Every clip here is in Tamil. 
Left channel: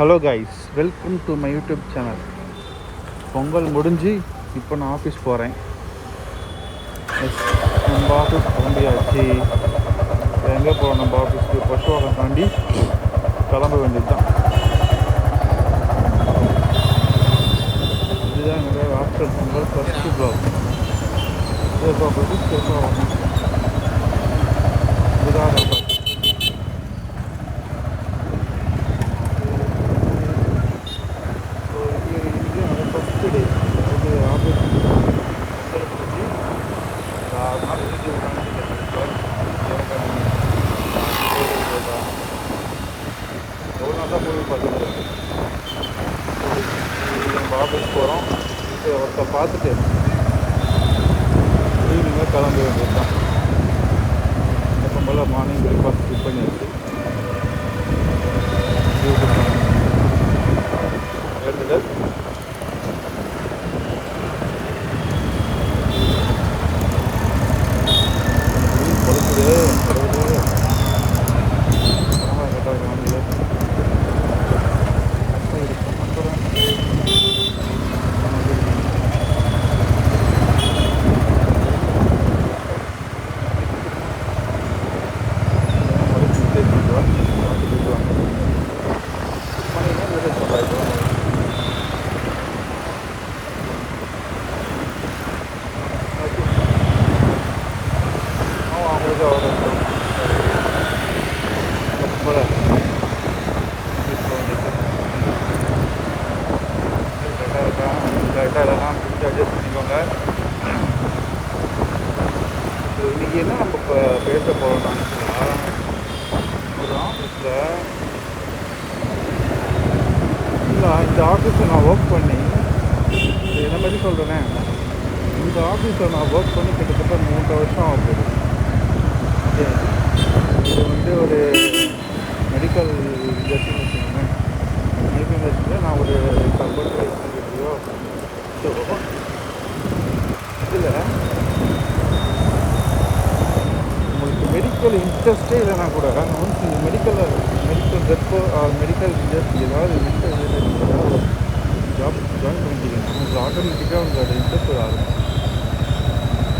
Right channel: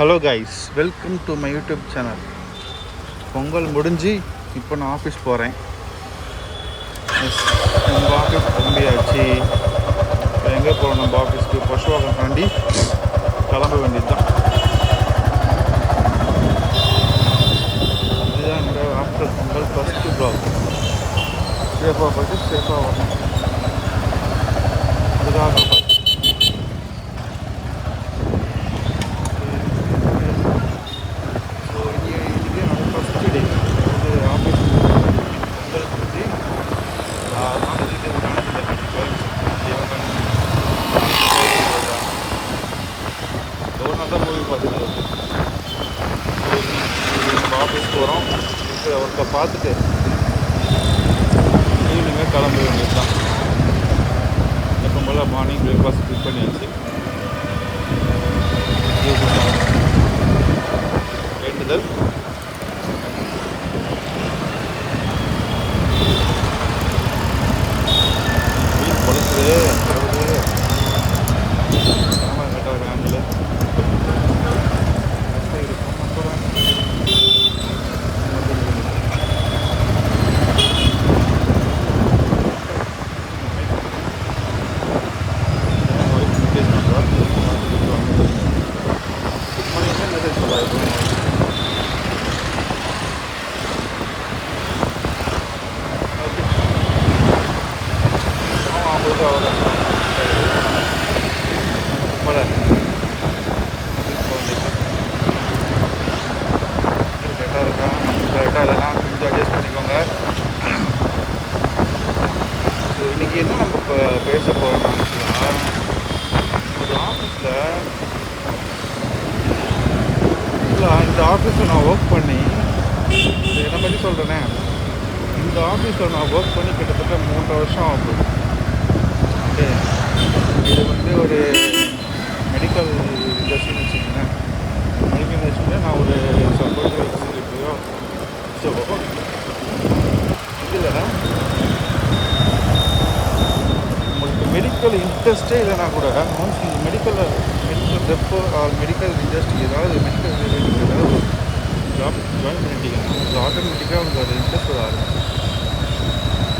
Hello guys, welcome to my YouTube channel. Pongal முடிஞ்சு இப்போ நான் ஆஃபீஸ் போகிறேன். நம்ம ஆஃபீஸ் கிளம்பியாச்சு. இப்போ எங்கே போகிறோம்? நம்ம ஆஃபீஸ்க்கு பசுவாக்கம் தாண்டி கிளம்ப வேண்டியது தான். இதுதான் என்னோட ஆஃப்டர் பொங்கல் ஃபஸ்ட்டு ப்ளாக். சேஃபாக போய்ட்டு சேஃபாக வரணும். அதுக்காக காப்பாற்று. ஃபஸ்ட்டு டே, அதாவது ஆஃபீஸ் பொங்கல் முடிஞ்சு 6 நாள் எதுக்கு விட்டானு இந்த கடுப்பாக எவ்வளோ நாள் தான் மூவி பார்த்துட்டு. ஸோ இன்றைக்கி நம்ம ஆஃபீஸ் போகிறோம். இருக்கிற ஒர்க்கை பார்த்துட்டு ஈவினிங்காக கிளம்ப வேண்டியது தான். எப்போ போல் மார்னிங் பிரேக்ஃபாஸ்ட் ஸ்கிப் பண்ணியாச்சு. வேண்டுதல் பொழுது கடவுளே, கேமரா கட்டாக ஆங்கிள் கரெக்டாக இருக்கும். சொல்கிறேன் ஒய்ஃப் மெசேஜ் பண்ணுறா, பார்த்து பேசுவாங்க. குட் மார்னிங்னா மெசேஜ் பண்ணுறா இப்போ ஒய்ஃப். ஓகே, அவங்களுக்கு அவ்வளோ கஷ்டம். நம்ம போல கரெக்டாக இருக்கா, கரெக்டாக இல்லைனா கொஞ்சம் அட்ஜஸ்ட் பண்ணிக்கோங்க. ஸோ இன்றைக்கி என்ன நம்ம இப்போ பேச போகிறோம்னா, ஆக்சுவலாக ஒரு ஆஃபீஸில் இந்த ஆஃபீஸில் நான் ஒர்க் பண்ணி, என்னை பற்றி சொல்கிறேனே, இந்த ஆஃபீஸில் நான் ஒர்க் பண்ணி கிட்டத்தட்ட 3 வருஷம் ஆகுது. ஓகே, இது வந்து ஒரு மெடிக்கல் இண்டஸ்ட்ரின்னு வச்சுக்கோங்களேன். மெடிக்கல் இண்டஸ்ட்ரியில் நான் ஒரு சப்போர்ட்டிவ் எக்ஸிக்யூட்டிவாக. ஸோ இதில் உங்களுக்கு மெடிக்கல் இன்ட்ரெஸ்ட்டே இல்லைனா கூட ஒன்ஸ் நீங்கள் medical rep or medical industry ஏதாவது மெடிக்கல் ரிலேட்டட் ஏதாவது ஒரு ஜாப் ஜாயின் பண்ணிட்டீங்கன்னா உங்களுக்கு ஆட்டோமேட்டிக்காக உங்களுக்கு அது இன்ட்ரெஸ்ட் வர ஆரம்பிக்கும்.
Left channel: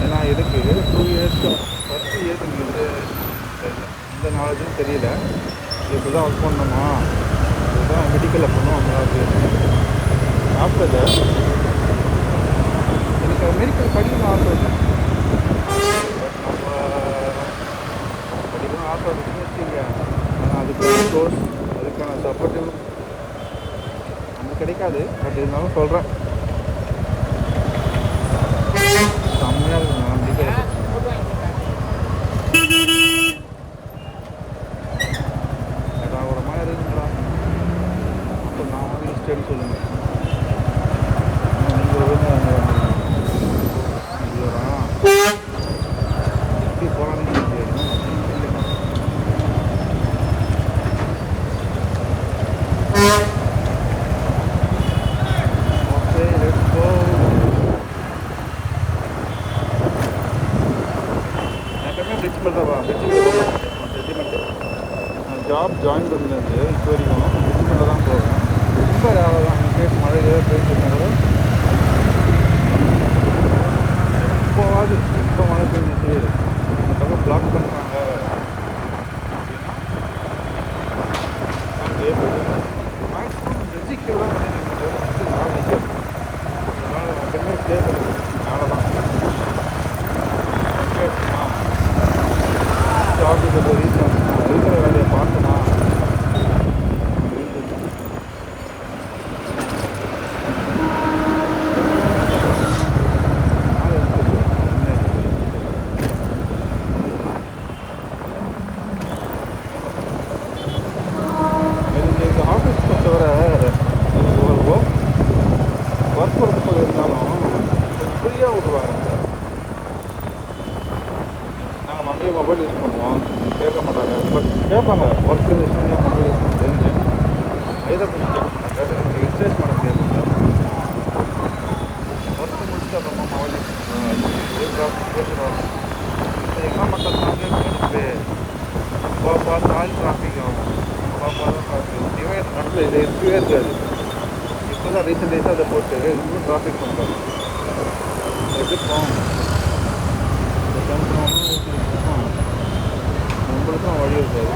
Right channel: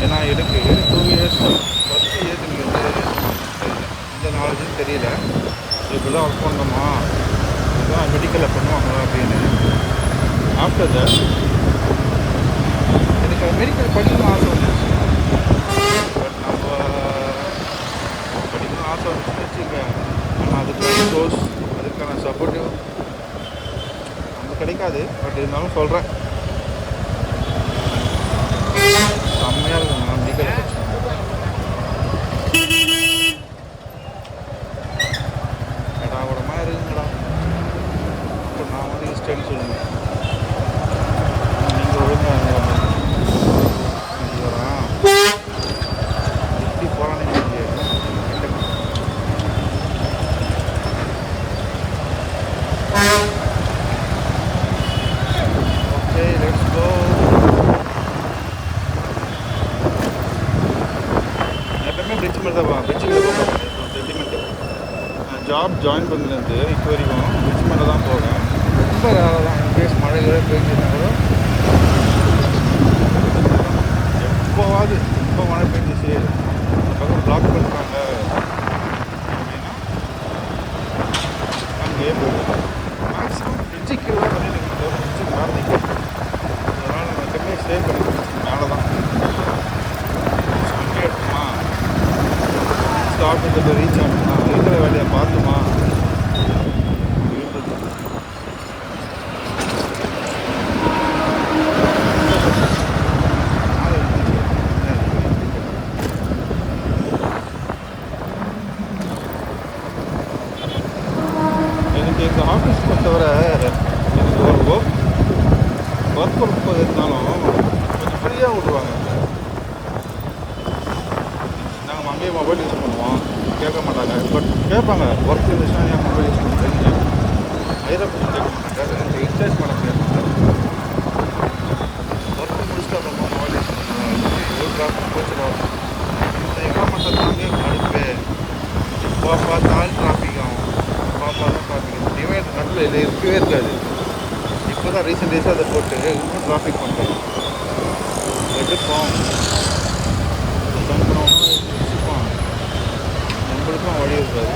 ஏன்னா எனக்கு 2 இயர்ஸாக ஃபஸ்ட் இயர்ஸ் எனக்கு தெரியல, இந்த நாலேஜும் தெரியல. இப்படி தான் ஒர்க் பண்ணணுமா, இதுதான் மெடிக்கலில் பண்ணுவாங்களா அப்படின்னு. ஆஃப்டர் தட் எனக்கு மெடிக்கல் படிக்கணும்னு ஆசை வந்துடுச்சு. பட் நம்ம படிக்கணும்னு ஆசை வந்துச்சுன்னு வச்சுங்க, ஆனால் அதுக்கான சோர்ஸ், அதுக்கான சப்போர்ட்டிவ் நமக்கு கிடைக்காது. பட் இருந்தாலும் சொல்கிறேன், செம்மையாக இருக்குங்க நான் மெடிக்கலை பற்றி. ஏடாகூடமாக இருக்குங்கடா. அப்போ நான் வந்து இஷ்டன்னு சொல்லுங்கள். ஆனால் நீங்கள் ஒழுங்காக இருந்த மாதிரி இது வரான் எப்படி போகலான்னு தெரியல. Okay, let's go. எப்பவுமே பிரிட்ஜ் மேலே தான் பிரிட்ஜ் மேலே போக மாட்டேன். சென்டிமெண்ட்டு ஜாப் ஜாயின் பண்ணலேருந்து இப்போ வரைக்கும் பிரிட்ஜ் மேலே தான் போவேன். ரொம்ப ரேராக தான், இன்கேஸ் மழை பெய்ஞ்சுன்னா கூட பிரிட்ஜ் மேலே தான். எப்போவாது ரொம்ப மழை பெஞ்சிச்சு, இந்த பக்கம் பிளாக் பண்ணுறாங்க அப்படின்னா அங்கேயே போய்ட்டு மேக்ஸிமம் பிரிட்ஜு கீழே தான் பண்ணி நிற்கிறத, பிரிட்ஜுக்கு மேலே நிற்கிறது. அதனால் நான் எப்பவுமே ஸ்டே பண்ணி பிரிட்ஜுக்கு மேலே தான் எடுத்துமா. ஆஃபீஸை போய் ரீச் ஆகணும்னா இருக்கிற வேலையை பார்த்துமா அப்படின்றது தான். எனக்கு எங்கள் ஆஃபீஸ் பொறுத்தவரை எனக்கு ஒரு ஒர்க் ஒர்க் இருந்தாலும் கொஞ்சம் ஃப்ரீயாக விடுவாங்க. நாங்கள் அங்கேயே மொபைல் யூஸ் பண்ணுவோம், கேட்க மாட்டாங்க. பட் கேட்பாங்க, ஒர்க் இருந்துச்சுன்னா ஏன் மொபைல் யூஸ் பண்ணுறேன்னு. ஐரப்பூச்சி கேட்க மாட்டாங்க, இன்ட்ரெஸ்ட் மேடம் கேட்பாங்க. ஒர்க்கு முடிச்சுட்டு அப்புறமா மொபைல் யூஸ் பண்ணுறோம். ஒரு டிராஃபிக் போச்சுடும். இந்த இடம் மட்டும் தாங்க கடுப்பு. எப்போ பார்த்தாலும் டிராஃபிக் ஆகும். பாப்பா தான் டிராஃபிக். டிவைட் நடுவில் இல்லை இருக்கவே இருக்காது. இப்போ தான் ரீசெண்ட் டேஸாக அதை போட்டு இன்னும் டிராஃபிக் பண்ணுறோம். எடுப்போம் இதை டர்ன் பண்ணோன்னா இது வச்சுப்பான், நம்மளுக்கும் வழி இருக்காது.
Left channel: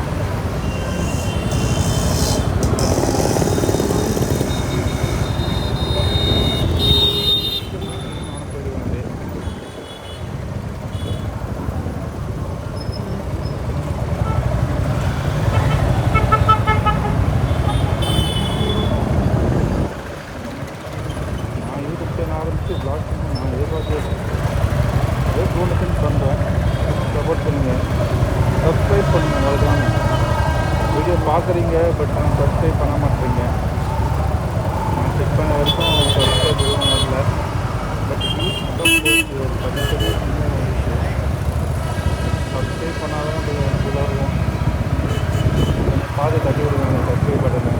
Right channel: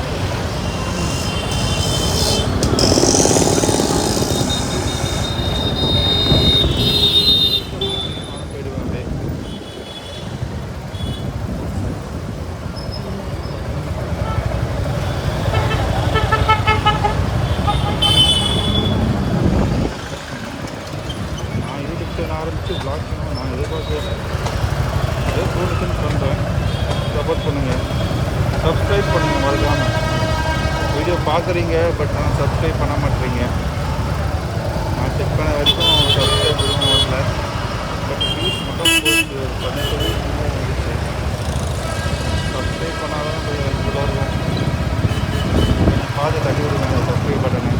நானும் போயிடுவேன் அப்படியே. நான் யூடியூப் சேனல் ஆரம்பித்து வ்ளாக் பண்ணுவேன். நான் எதிர்பார்க்கல, ஏதோ தோணுச்சுன்னு பண்ணுறேன். சப்போர்ட் பண்ணுங்கள், சப்ஸ்கிரைப் பண்ணுங்கள் மறக்காமல். வீடியோ பார்க்குறீங்க பட் ஆனால் சப்ஸ்கிரைப் பண்ண மாட்டேறீங்க. நான் செக் பண்ண வரைக்கும் சப்ஸ்கிரைப் எதுவும் வரல. பட் வியூஸ் மட்டும் போயிடுச்சு, ஒரு 18 வியூஸ் இன்னும் வந்துச்சு. சப்ஸ்கிரைப் பண்ணாதான் கொஞ்சம் ஹெல்ப்ஃபுல்லாக இருக்கும். கொஞ்சம் பார்த்து தட்டி விடுங்க அந்த சப்ஸ்கிரைப் பட்டனை.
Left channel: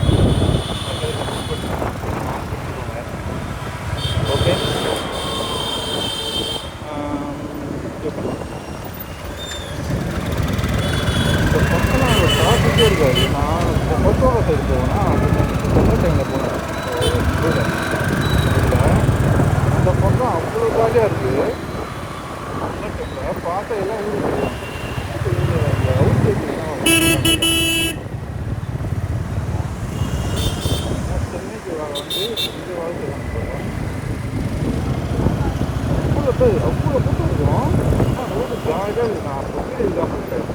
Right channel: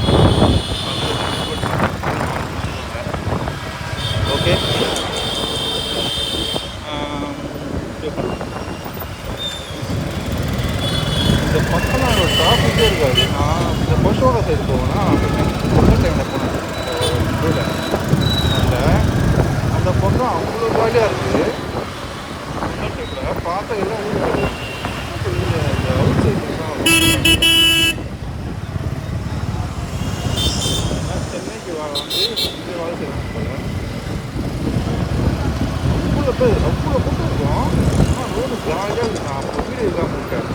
பக்கத்தில் சப்ஸ்கிரைப் பட்டன் ஆன் பிடிச்சிக்கோங்க. ஓகே, பண்ணலாம். இந்த பக்கம்லாம் ஒரு டிராஃபிக்கே இருக்காது. நான் இந்த பசுவாக சைடு போவேன்னா பொங்கல் டைமில் போனேன் நடுவில். அதில் அந்த பக்கம் அவ்வளோ காலியாக இருக்குது. பொங்கல் டைமில் பார்த்தா எல்லாம் ஊருக்கு போயிடுவாங்க. இப்போ இந்த அவுட் சைடில் தான் சென்னைக்கு வந்து இங்கே வேலை செய்கிறாங்க போல. அவ்வளோ கூட்டம் இருக்கும். ஆனால் ரோடு ஜாலியாக இருக்குது. நான் அப்போ வீடு இதுதான் போட்டேன்.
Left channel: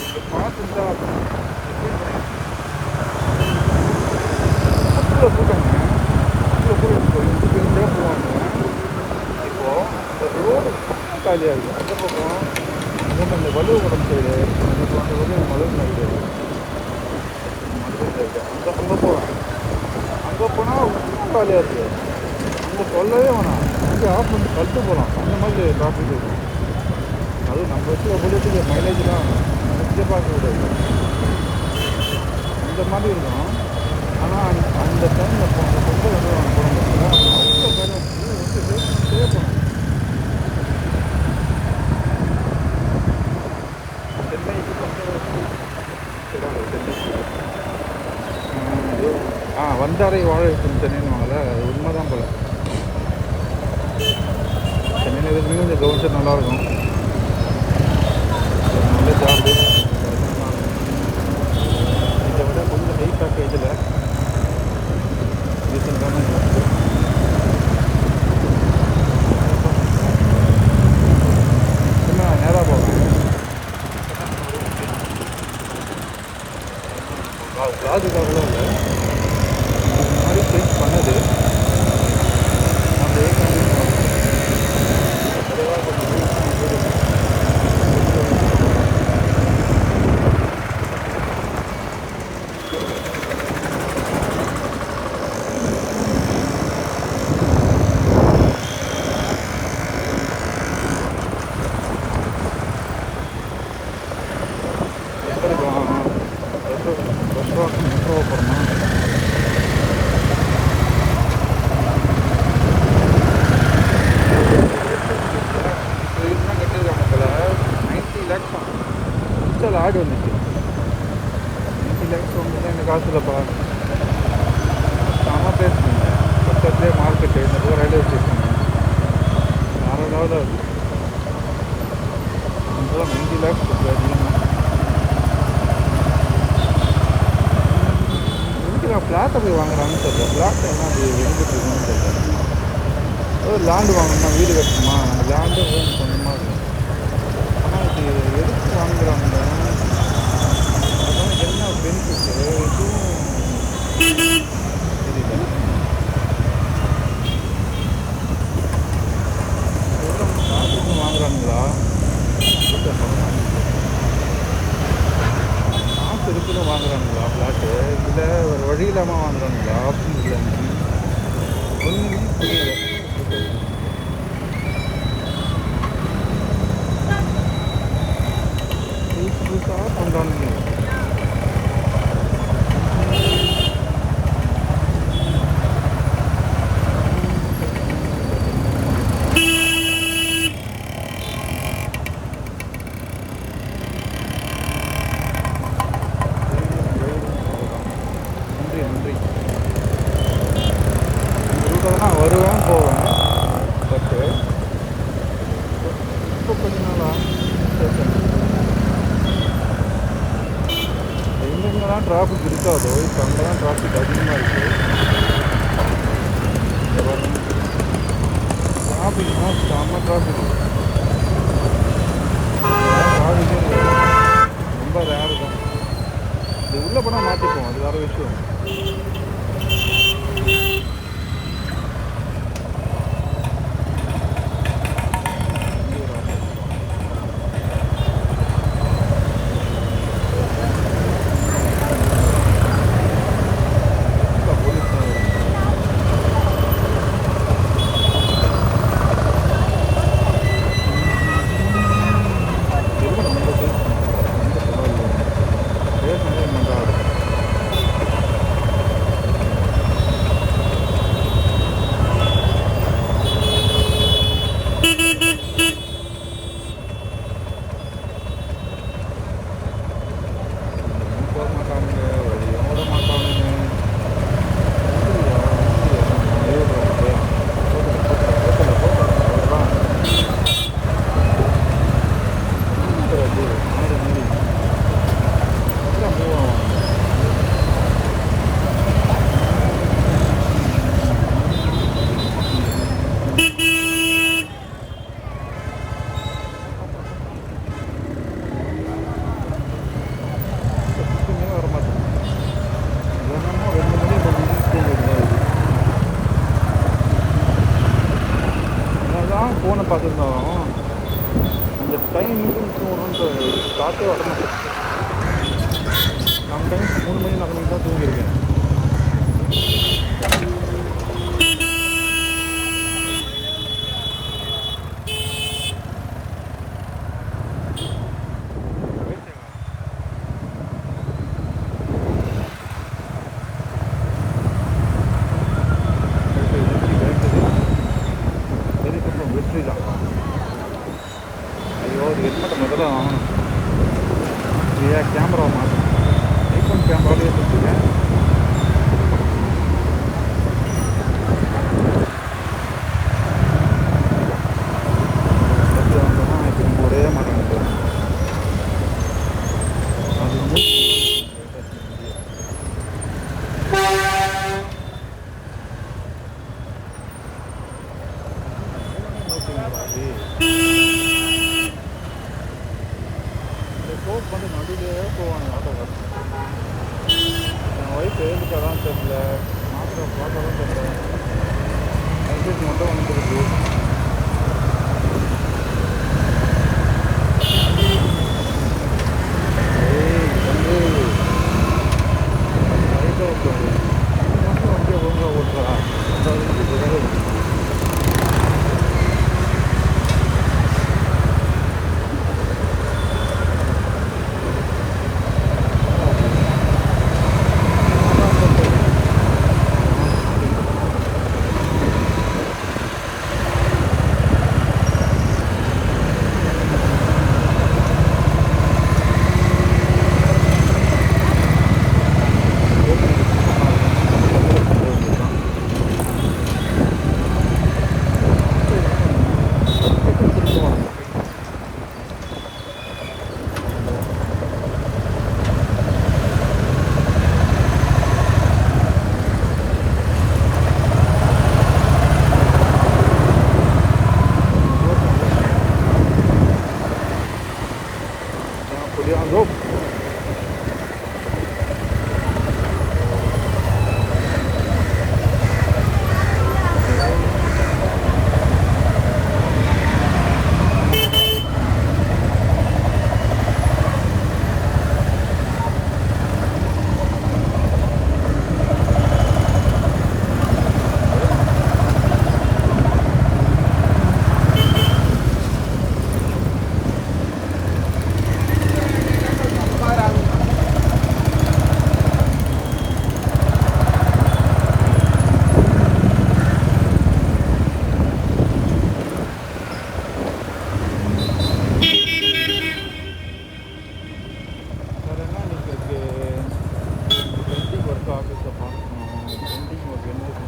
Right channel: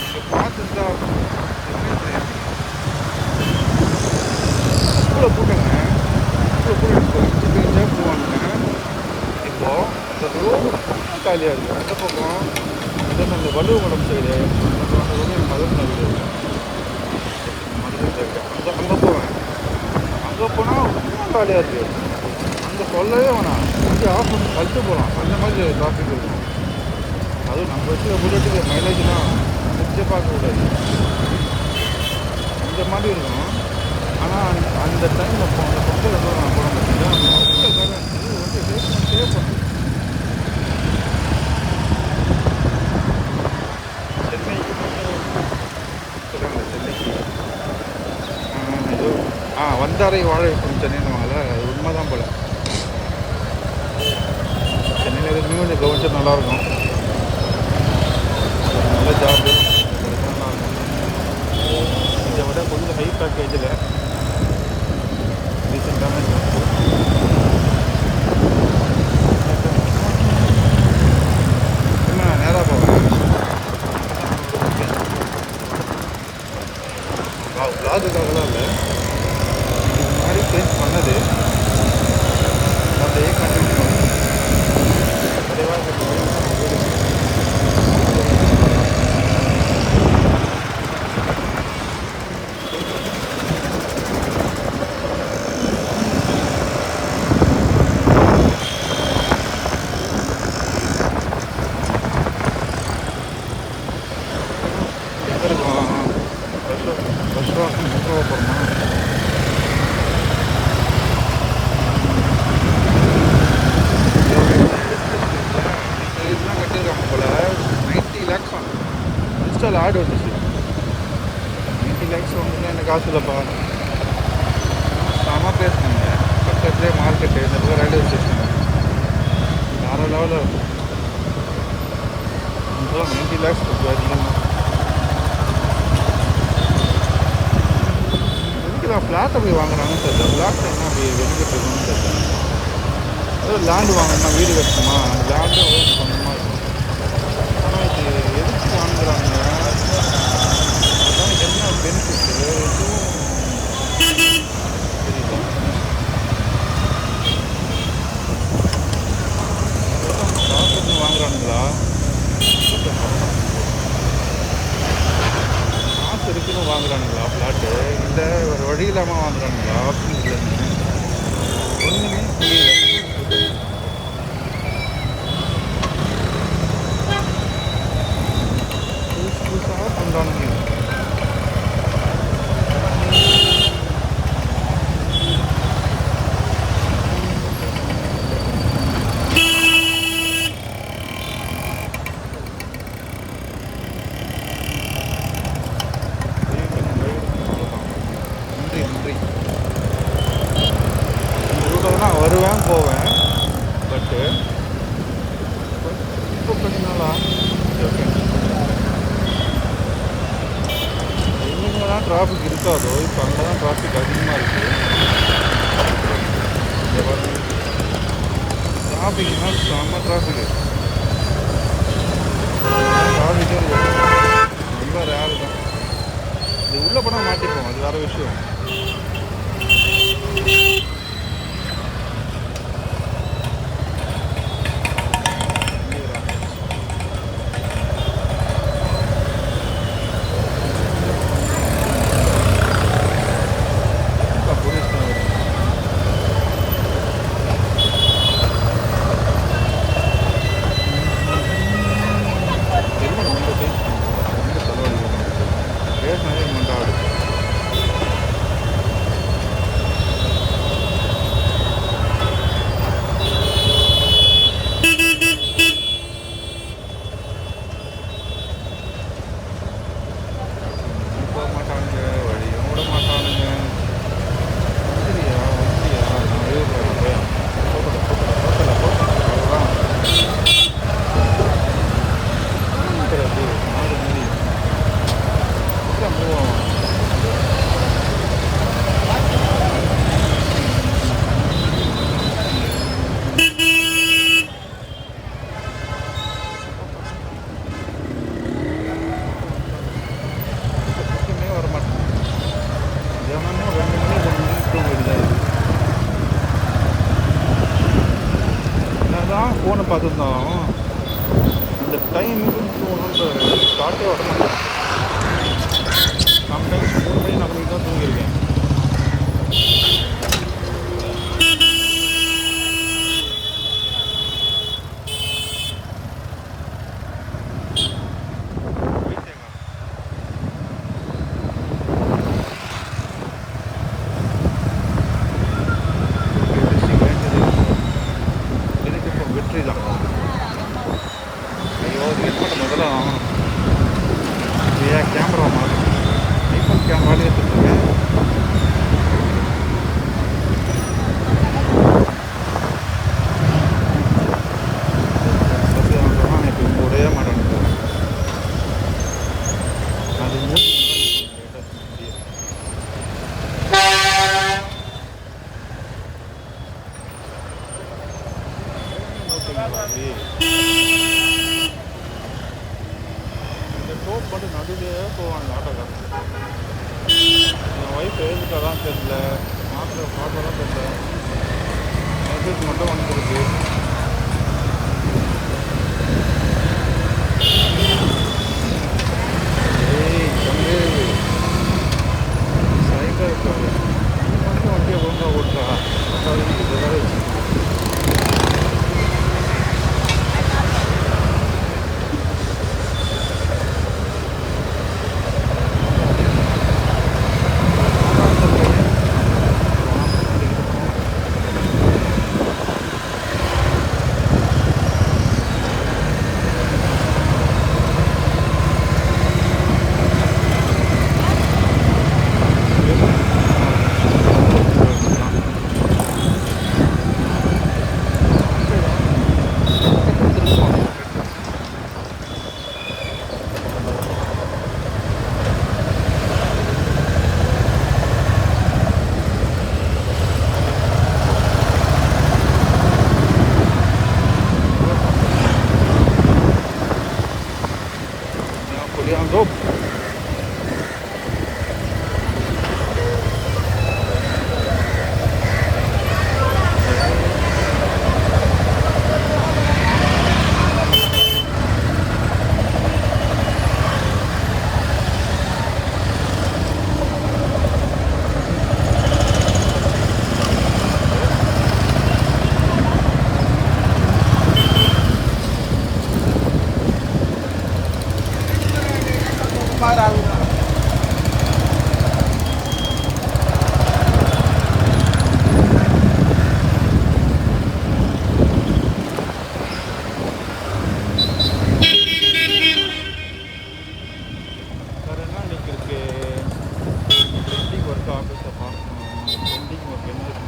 இங்கே பார்த்துருந்தா ஃபீல் பண்ணியிருக்கீங்க. அவ்வளோ கூட்டங்க, அவ்வளோ கூட்டம் இருக்கும். இஞ்சி பிஞ்சாக போவாங்க. இப்போது அந்த ரோடு ஃபுல்லாக காலியாக இருக்குது. அந்த பக்கம் அந்த வலுவகுடம் சைடு அந்த பக்கம் என் மதுரை வீடு இருக்குது. மதுரை சைடு அங்கே போவேன். அங்கே போனால் இன்னும் காலியாக இருக்குது. அங்கே சொல்லவே வேணாம், வண்டி ஆஃப் பண்ணி கழிட்டு போகலாம். அந்த மாதிரி டிராஃபிக் இருக்கும். அதுவும் நம்ம வச்சுக்க புல்லட்டுக்கு மைலேஜ்லாம் நினச்சே பார்க்கக்கூடாது, இந்த மாதிரி இருக்கும். ஆனால் அந்த டைமில் அந்த பொங்கல் வந்து நான் போனேன் பார்த்தீங்கன்னா அவ்வளோ கடை இது வந்து ரேஸ் பண்ணிட்டே போனேன். சென்னைக்கு கொஞ்சம் சொல்லுவாங்க, சென்னைக்கு ஏதோ வந்தாரை வாழ வைக்கும் சென்னைன்னுவாங்கள்ல, அது உண்மை தான் போல். சென்னையில் எதுக்குமே கொஞ்சம் கவனிச்சா நல்லாயிருக்கும். ஒரு நல்ல ஜாபு கிடைச்சா நல்லாயிருக்கும். இதை விட கொஞ்சம் ஹை பேக்கேஜில் ரீசெண்டான ஜாப்பு. சும்மா நேராக போவேன். விளாகுக்காகலாம் இல்லை, இதுக்கு முன்னாடி சேஞ்ச் பண்ணது அப்படியே கண்டினியூ ஆகும். அதேவாக கொஞ்சம் போயிடுவேன். எங்கே இருக்கும் பஸ் வாசம் மெட்ரோவை போகிறோமா? இப்போ இதுதான் கட்டியிருக்காங்க போல். 90 lakhs இன்ஸ்டால் ஆடு வந்துச்சு. 90 lakhs வந்துன்னா எனக்கு காசு இல்லைப்பா. செம பேசுனீங்க. பக்கத்துலேயே மார்க்கெட்டு, இந்த பக்கம் ரயில்வே ஸ்டேஷனு, வேறு லெவலில் இருக்குது. 90 lakhs கொஞ்சம் அதிகமாக. எதுக்கு நான் ஃப்ளாட்டை போய் வாங்குறாங்கன்னு தெரியல. ஃப்ளாட்டை என்ன அப்படி வெளிக்கிட்டு இருக்கணும்னு தெரியல. ஏதோ லேண்டு வாங்கணும்னா வீடு கட்டணுமா, நம்ம லேண்டும் வேணும் சொந்தமாக இருக்கும். ஆனால் இது எதுக்கு வாங்குறாங்க, அதனால என்ன பெனிஃபிட்டு எதுவும் தெரியல. எவ்வளோ அவங்க ப்ராஃபிட்னு வாங்குறானுங்களா? காசு இருக்குன்னு வாங்குறானுங்களா ஃப்ளாட்டு, இல்லை வேறு வழி இல்லாமல் வாங்குறானுங்களா, ஆப்ஷன் இல்லைன்னு ஒன்றுமே புரியல. புதுசு புதுசாக பண்ணுறானுங்க. சொல்கிறதுனா வருவேன் போவேன். பட்டு இப்போ கொஞ்ச நாளாக எங்கெங்கெல்லாம் டிராஃபிக் இருக்காதோ இப்போ அங்கே தான் டிராஃபிக் அதிகமாக இருக்குது. இங்கே பாருங்க, டிராஃபிக்னா செம்ம டிராஃபிக்கு. இதெல்லாம் டிராஃபிக்கே இருக்காது, ரொம்ப ரேரு தான். இது உள்ளே போனால் மாட்டிப்போம், அது வேறு விஷயம். போலீஸ் தான் வருங்க. ஹெல்மெட் மட்டும் சேஞ்ச் பண்ணுங்க, ரொம்ப தலைவலி பேசினாலே மண்டாடு. போக மாட்டானுங்க, வழியும் விட மாட்டானுங்க. வந்துடியா வந்துடியா, நான் விடுறேன் போயா. போத்தல அவ்வளோதான். அப்படி மாடு மாரி அப்புறம் மூவ் ஆவாங்க. தூக்கமே வர மாட்டேங்க. தினமும் 2 மணி 3 மணிக்கு தூங்க வேண்டியதாக இருக்குது. என்னதான் ஃபோனை பார்த்துருந்தாலும் அந்த டைமுக்கு தூங்கணுன்ற தாட்டே வர மாட்டேன். சம்டைம்ஸ் 3 மணி 4 மணிக்கு தான் தூங்கியிருக்கேன். ஓகே, ரிஷி கழிஞ்சது. எனக்கு இப்போ வெற்றி தான். ஐயோ, இது ஹெல்மெட்டை முதல்ல வாங்கணும். ஏன் கேமரா மாறும், ஐஃபோன் கேமராலே எடுத்துட்ருக்கேன். பஸ்ஸில் வந்தோம்னா இப்போ இவங்க ஒரே மாட்டான்னு அது மூணு ஓட்டிங்களா அப்படி இந்த டோப் மட்டும் நடுவிலே போவானுங்க ஆட்டோக்காரன். என் ஒய்ஃப் எழுதுட்டாதான் தெரில, மாத்திரை பார்த்தாதான் தெரில. மெசேஜ் மட்டும் வந்துருக்கு. ஏய் தம்பி, சைட்டாக இருக்காது, நீ மட்டும் வண்டியை ஒழுங்காக ஓட்டுறா. அதுக்கு ஏதாவது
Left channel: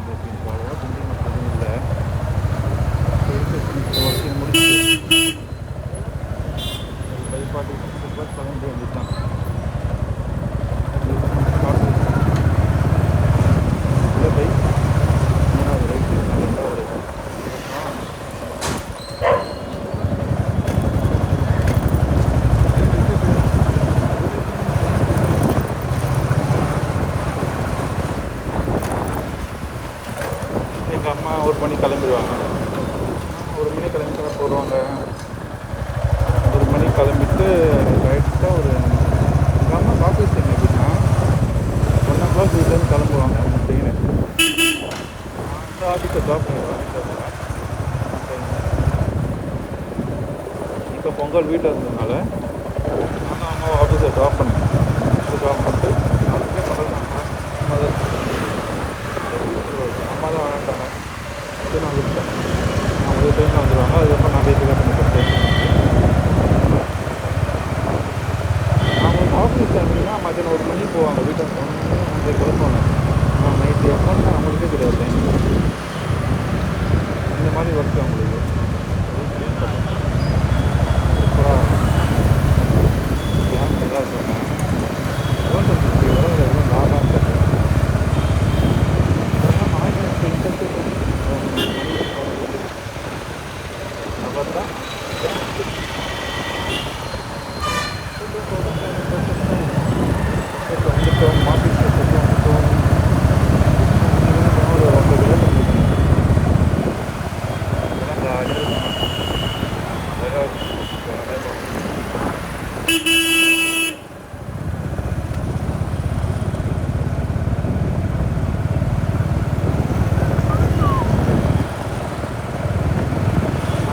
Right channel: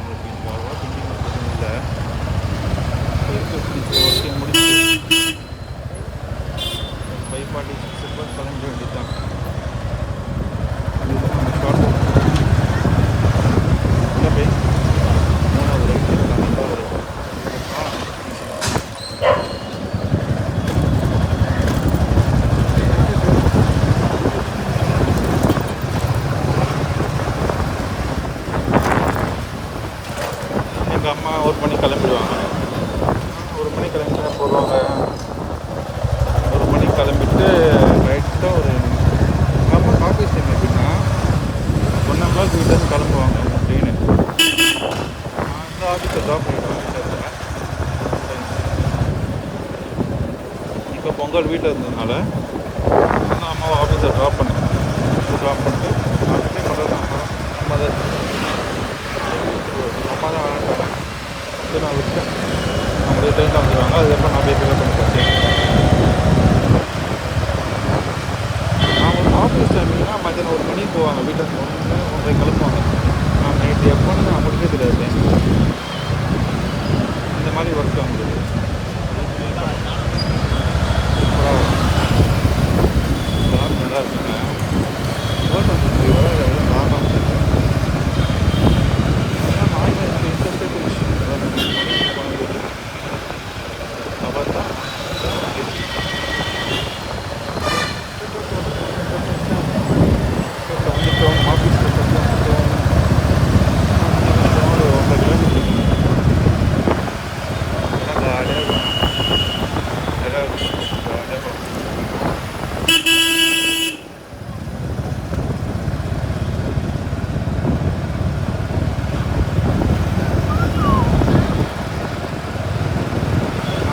நம்மளுக்கு இன்றைக்கி அவ்வளோவா பெண்டிங் எதுவும் இல்லை. இப்போ இருக்க சின்ன சின்ன ஒர்க்கையும் முடிச்சு ஒரு 5:46 கிளம்பிட வேண்டியது தான். இதுதான் நம்ம ஷார்ட் அவுட். உள்ளே போய் 3வது ரைட்டு, 2வது ரைட்டு எங்கள் அம்மா 1 மணி கிளம்பிடுவாங்க. 1 மணி கிளம்பிட்டா போடுவாங்க. 1 மணி கிளம்பிட்டு ரைட்டாக ஒரு எங்கள் அம்மாவுக்கு ஆஃபீஸ் டைம் எப்படின்னா 1 o'clock வீட்டிலேருந்து கிளம்புவாங்க. அவங்க ட்ரெயின் நான் இந்த ஆஃபீஸை ட்ராப் பண்ணிவிடுவேன். வீட்டில் இருந்தேன் சம்டைம்ஸ். இப்போ பொங்கல் வீட்டில் இருந்ததுனால நான் அம்மாவை ஆஃபீஸை ட்ராப் பண்ணிட்டு ஆஃபீஸே பண்ணுறது அம்மா தான். அம்மா தான் வேணாட்டாங்க. சரி நான் விட்டேன். அவங்களுடைய ட்ரெயினில் வந்துடுவாங்க. அதுக்கப்புறம் நான் போய் பிக்கப் பண்ணிப்பேன் ஸ்டேஷன். அவங்களுக்கு ஆஃபீஸ் டைமிங்னா மத்தியானம் 1 மணிக்கு போவாங்க. வீட்டை 1:30 கிளம்புவாங்க. நான் நைட்டு எப்போன்னு அவங்களுக்கே தெரியாது டைமிங். அந்த மாதிரி ஒர்க் அவங்களுக்கு சூப்பராக ஜாப் நல்லா இருக்குங்க. ஓட்டல் வர எவ்வளோ லாபம் தெரியல. அதெல்லாம் நான் இப்போ இன்ட்ரெஸ்டே போயிடுச்சு. மணிக்கு போனது அவர் தான் பக்கத்தில் வந்துட்டோம். ஆஃபீஸ் பக்கத்தில் வந்துட்டோம். ஒரு 1.5 கிலோமீட்டர் இருக்குங்க. அதெல்லாம் ஜாலியாக இருக்கும். ஜாலியாக இருக்கும். ஜாலியாக போகலாம்.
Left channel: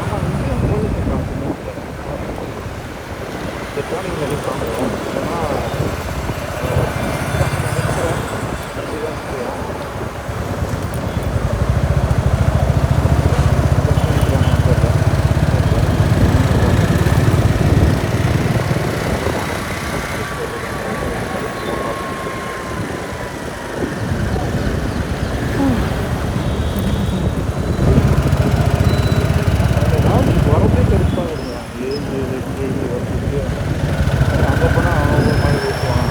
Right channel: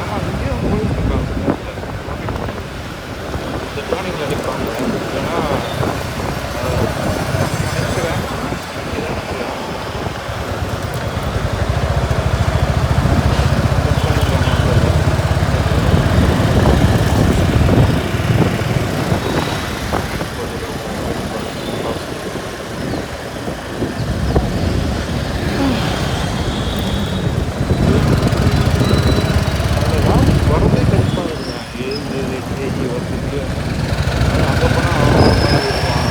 ஆமாம், இங்கேயும் போயிட்டு இருக்காங்க. இந்த டேர்னிங்கில் நிற்பாங்க. இல்லைன்னா நினைக்கிறேன் இங்கே தான் நிற்கிறான். அட்ஜஸ்ட் பண்ணிக்கிறாங்க. அதில் வேலைக்கு வரதே கடுப்பாக இருக்கேன். ஏஜி ஒர்க்கு அது அங்கே போனால் அவன் ஒரு மாதிரி பேசுவான்.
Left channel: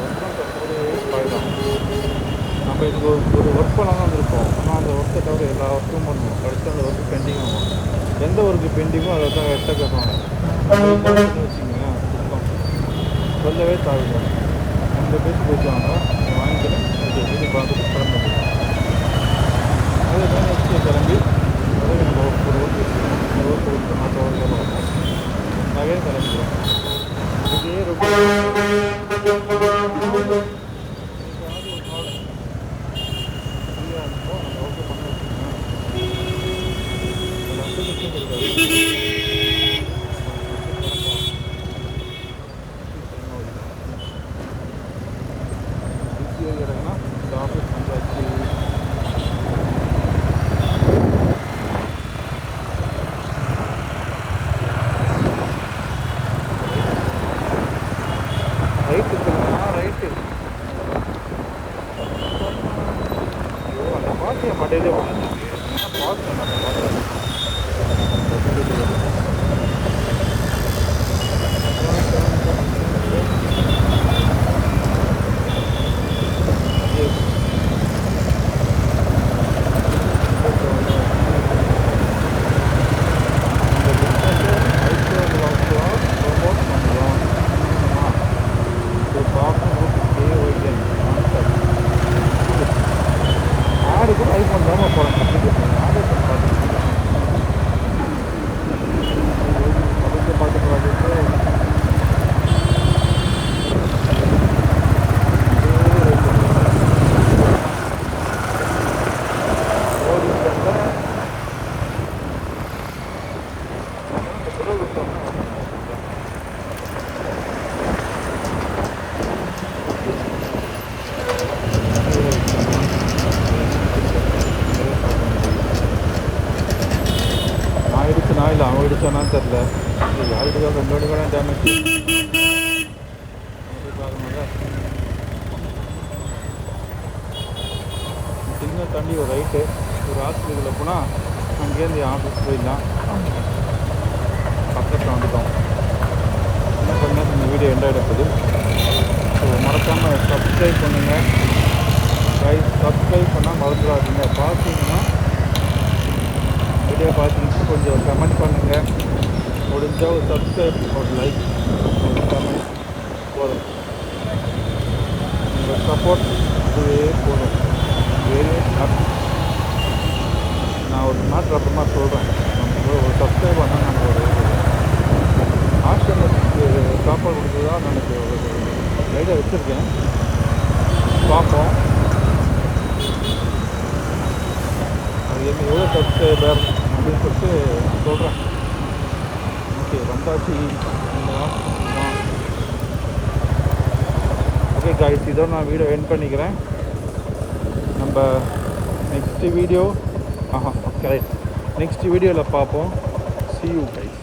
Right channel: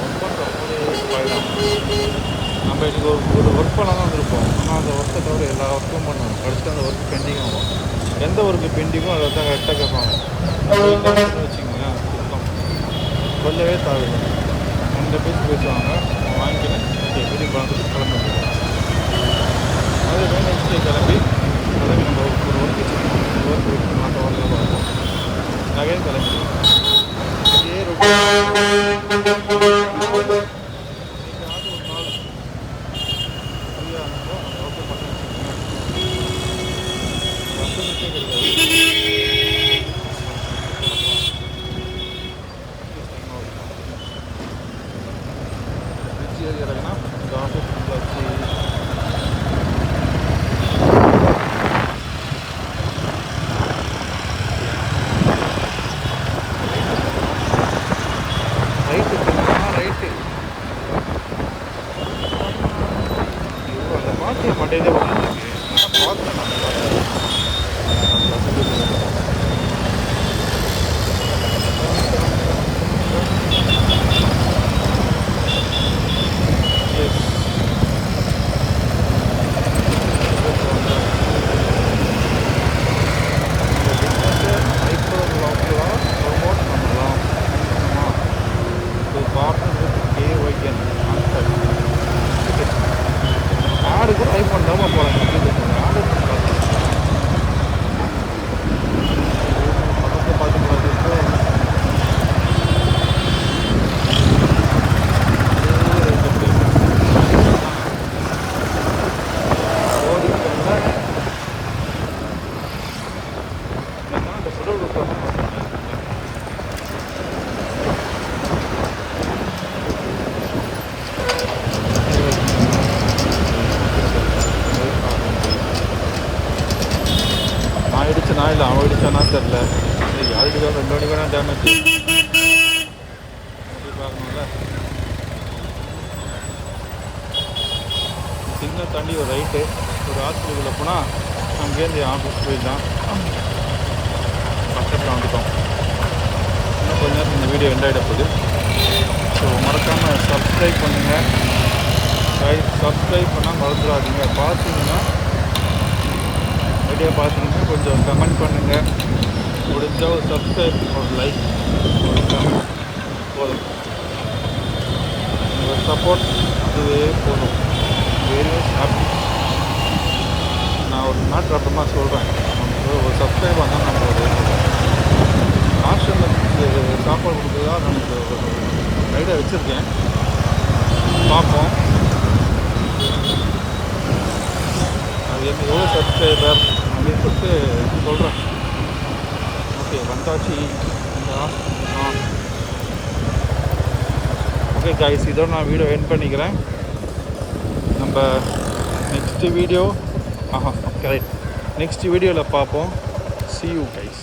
ஒர்க் பண்ணுற போதே பாயிடும். நம்ம இன்றைக்கி ஒரு ஒர்க் பண்ண தான் வந்திருப்போம். ஆனால் அந்த ஒர்க்கை தவிர எல்லா ஒர்க்கும் பண்ணுவோம். கடைசியில் அந்த ஒர்க்கு பெண்டிங் ஆகும். எந்த ஒர்க்கு பெண்டிங்கோ அதை தான் கரெக்டாக கேட்பாங்க. நம்ம இல்லாமல் வச்சுக்கோங்களேன், சுத்தம் சொல்லவே தேவையில்லை. அந்த பேசுவாங்க. அவங்க வாங்கிக்கினேன். ஓகே வீட்டுக்கு பார்த்துட்டு கிளம்பிடுவோம். அதே மாதிரி நெக்ஸ்ட் டே கிளம்பி அதே நம்ம ஒரு ஒர்க் வச்சுக்கணும். அந்த ஒர்க் வச்சுட்டு மற்ற ஒர்க்கை பார்ப்போம். அகைன் கிளம்பிடுவோம். இதே ரொட்டீன் இன்னைக்காவது ஒரு நாள் ஃப்ரீயாக இருந்தப்போ அந்த ஒர்க்கை பண்ண வச்சுக்கோங்க. அந்த 10 நிமிஷம் கிடைக்காது. பிரிட்ஜ் ஏறி இறங்கினா இந்த ஆஃபீஸ் வந்தாச்சு. ரைட்டு தெரியுமா? ரைட்டு. ஐயோ, அந்த பாட்டு என் மண்டையிலே ஓடிட்டுருக்கு. நான் பார்த்தேன். அந்த பாட்டை அந்த பஸ்ஸுக்கு இந்த பிஸ்னஸை ஹைப்பர் லோக்கலாக ப்ரொமோட் பண்ணலாம். To partner with KYN contact. ஆடு கூட ஐஃபோன் தான் போகிறாங்க. அப்ளிகேஷன் ஆர்டர் பண்ணி பார்த்துக்கிங்களா? பக்கத்தை பார்க்க போகிறாது. ஓடிட்டு வந்தால் இந்த புடவை விட்டுறோம்னா நான் அடிச்சனா இல்லை அவன் அடித்தானான்னு தெரில. யார் அடிக்காமல் 2 மணி கூட டேமேஜ். நம்ம போய் பார்க்கணும்ல. சிக்னல் தாண்டி ஒரு ரைட்டு ஒரு ஹாஸ்பிட்டலுக்குள்ளே போனால் அங்கேருந்து ஆஃபீஸ் போயிடலாம். பக்கத்தில் வந்துட்டோம். இன்னும் கொஞ்ச நேரத்தில் இந்த வீடியோ எண்ட் ஆகிட போகுது. ஸோ மறக்காமல் சப்ஸ்கிரைப் பண்ணுங்கள். சப்ஸ்கிரைப் பண்ணால் மறந்துடாதீங்க. பார்த்தீங்கன்னா வீடியோ பார்த்தீங்கன்னா கொஞ்சம் கமெண்ட் பண்ணுங்கள். முடிஞ்சால் ஒரு சப்ஸ்கிரைப், ஒரு லைக், ஒரு கமெண்ட் போதும். உங்கள் சப்போர்ட் அதுவே போதும். Very happy. நான் ஒரு மேட்ரு அப்புறமா சொல்கிறேன். நமக்கு ஒரு சப்ஸ்கிரைப் வந்தால் நம்ம ஒரு ஆசிரமத்துக்கு சாப்பாடு கொடுக்குறதா நான் எனக்கு ஒரு ஐடியா வச்சுருக்கேன். பார்ப்போம் அது என்ன எவ்வளோ சப்ஸ்கிரைபர் அப்படின்னு சொல்லிட்டு நான் சொல்கிறேன். ஓகே, வந்தாச்சு இந்த ஹாஸ்பிட்டல் தான். ஓகே கைஸ், இதோட நான் வீடியோ எண்ட் பண்ணிக்கிறேன். நம்ம நெக்ஸ்ட் வீடியோ கரெக்ட் நெக்ஸ்ட் வீடியோவில் பார்ப்போம். See you guys.